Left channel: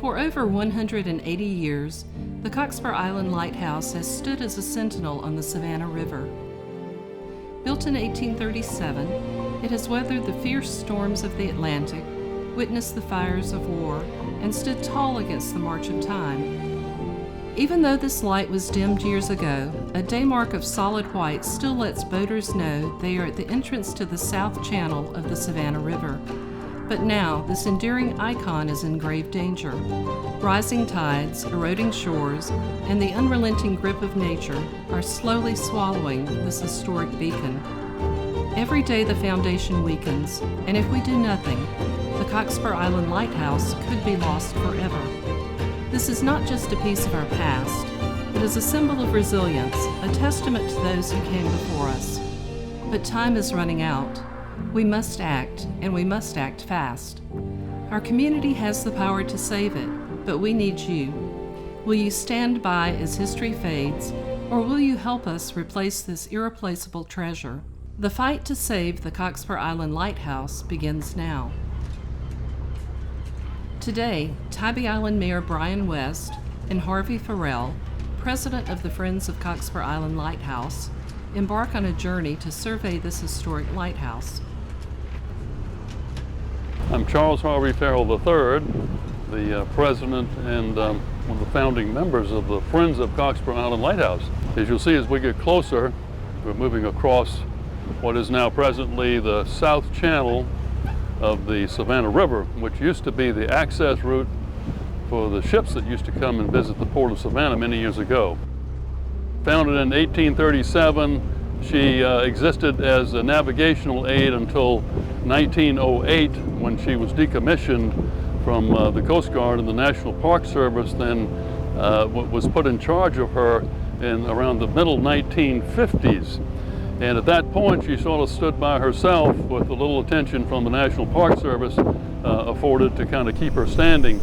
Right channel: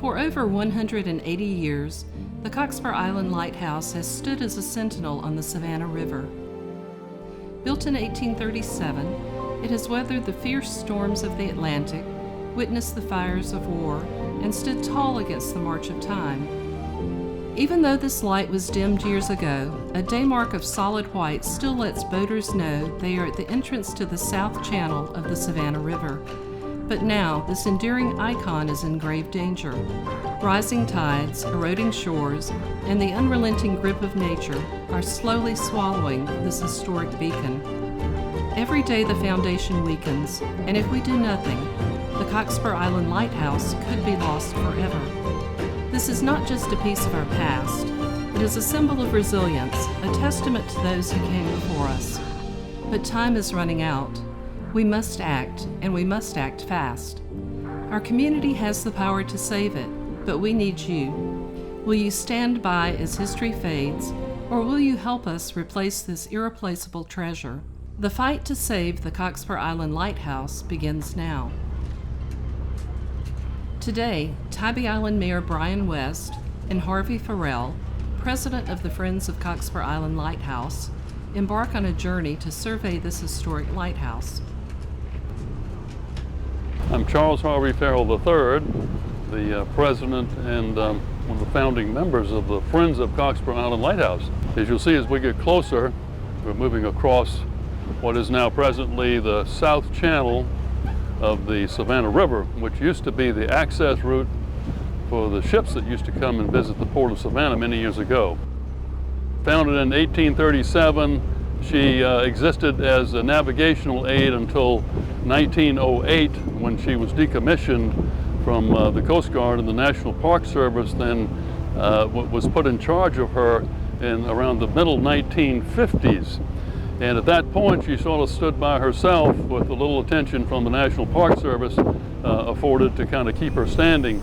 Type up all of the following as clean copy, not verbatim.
For over 180 years, the Cockspur Island Lighthouse has stood as a sentinel on the Savannah River. Built in 1837, it has weathered the fierce storms of the Atlantic, witnessed the fires of war, and stood tall against the march of time. Even though this light was dimmed years ago, a day mark of solid white still lets boaters know they are at the entrance to the south channel of the Savannah River. But now, this enduring icon is in grave danger. Rising tides, eroding shores, and the unrelenting grip of nature are slowly swallowing this historic beacon. Every day the foundation weakens, and if we do nothing, the Cockspur Island Lighthouse could be lost forever. This is not just a piece of our past. It is a symbol of resilience, a testament to those who came before us. But time is running out. We must act, and we must act fast. Our community has the power to save it, but we need you. Will you stand by as history fades, or will you help us replace this irreplaceable treasure? The fight to save the Cockspur Island Lighthouse begins now. Today, Tybee Island Mayor Brian West and Harvey Farrell, president of the Friends of Cockspur Island Lighthouse, embark on a journey to survey this historic lighthouse. I'm Charles Harvey Farrell III, the president and one of the founding members of the Friends of Cockspur Island Lighthouse. As you'll see as we get closer, we're moving across what is now presently the south channel of the Savannah River, which used to be the access route for the ships that used to come and visit the port of Savannah many years ago. Founded in 1837, she existed as a navigational aid until 1908, when she was decommissioned from the Coast Guard, and the National Park Service then was put in charge of her in around the middle 1950s. And at that point, she sort of stood by herself with a little attention from the National Park Service afforded to kind of keep her standing.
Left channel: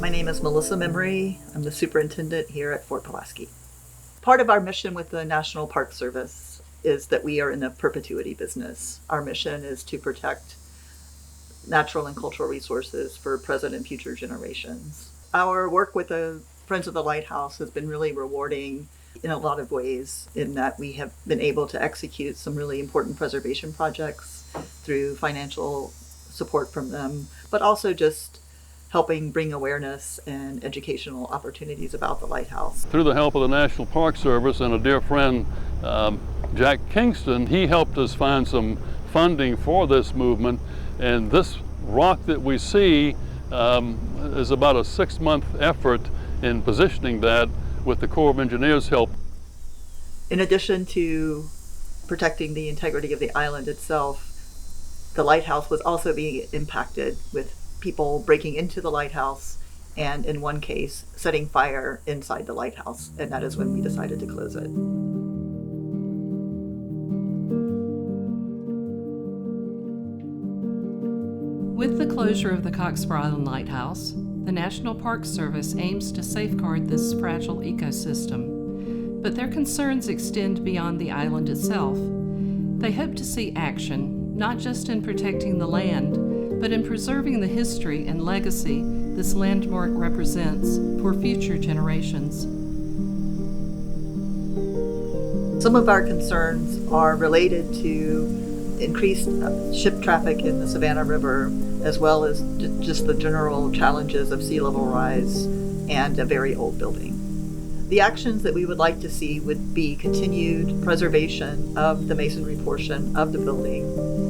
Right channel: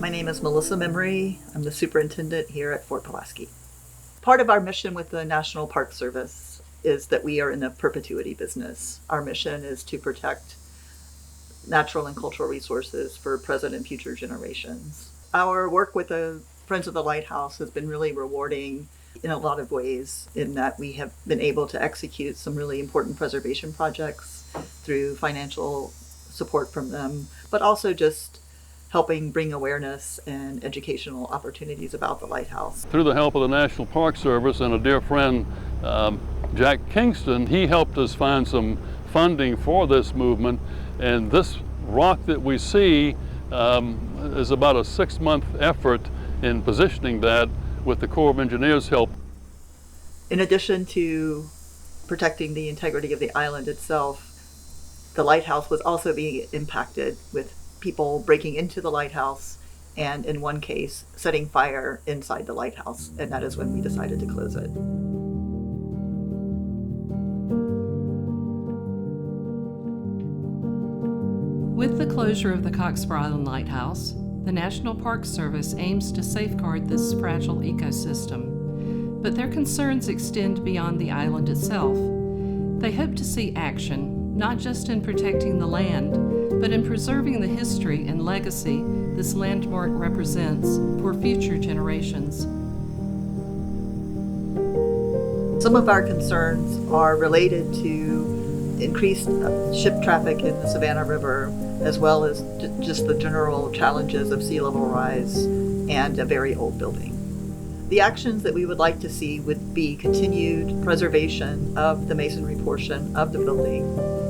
My name is Melissa Memory. I'm the superintendent here at Fort Pulaski. Part of our mission with the National Park Service is that we are in the perpetuity business. Our mission is to protect natural and cultural resources for present and future generations. Our work with the Friends of the Lighthouse has been really rewarding in a lot of ways, in that we have been able to execute some really important preservation projects through financial support from them, but also just helping bring awareness and educational opportunities about the lighthouse. Through the help of the National Park Service and a dear friend, Jack Kingston, he helped us find some funding for this movement, and this rock that we see is about a 6-month effort in positioning that with the Corps of Engineers' help. In addition to protecting the integrity of the island itself, the lighthouse was also being impacted with people breaking into the lighthouse and, in one case, setting fire inside the lighthouse, and that is when we decided to close it. With the closure of the Cockspur Island Lighthouse, the National Park Service aims to safeguard this fragile ecosystem, but their concerns extend beyond the island itself. They hope to see action, not just in protecting the land, but in preserving the history and legacy this landmark represents for future generations. Some of our concerns are related to increased ship traffic in the Savannah River, as well as just the general challenges of sea level rise and a very old building. The actions that we would like to see would be continued preservation of the masonry portion of the building,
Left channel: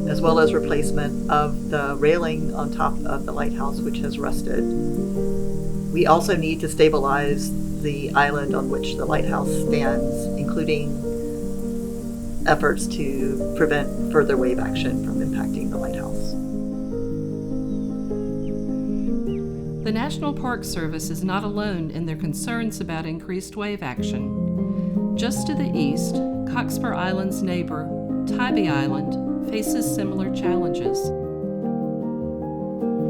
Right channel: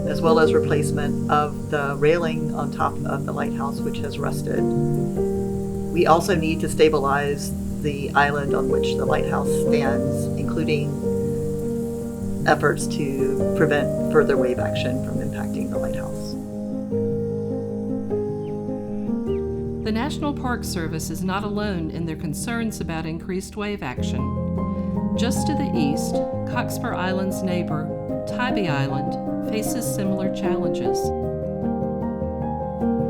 as well as replacement of the railing on top of the lighthouse, which has rusted. We also need to stabilize the island on which the lighthouse stands, including efforts to prevent further wave action from impacting the lighthouse. The National Park Service is not alone in their concerns about increased wave action. Just to the east, Cockspur Island's neighbor, Tybee Island, faces similar challenges.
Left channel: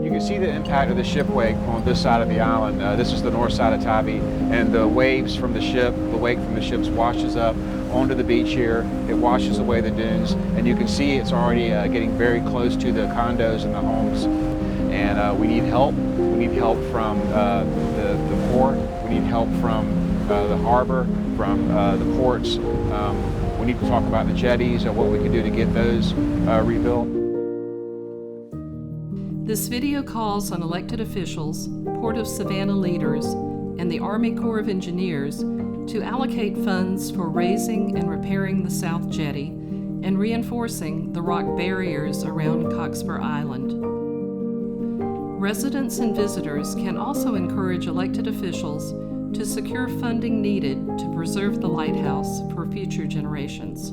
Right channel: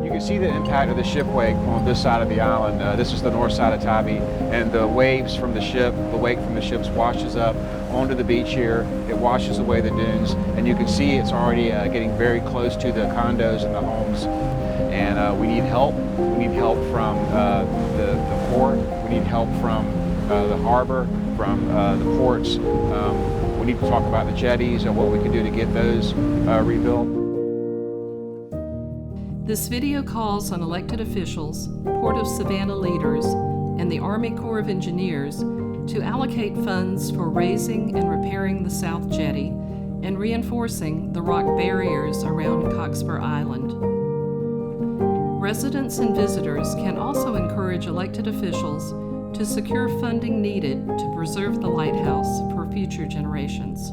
You can see the impact of the ship wake on this side of the island. This is the north side of Tybee, and the waves from the ship, the wake from the ships washes up onto the beach here. It washes away the dunes, and you can see it's already getting very close to the condos and the homes. And we need help. We need help from the port. We need help from the harbor, from the ports. We need to talk about the jetties and what we can do to get those rebuilt. This video calls on elected officials, Port of Savannah leaders, and the Army Corps of Engineers to allocate funds for raising and repairing the South Jetty and reinforcing the rock barriers around Cockspur Island. Residents and visitors can also encourage elected officials to secure funding needed to preserve the lighthouse for future generations.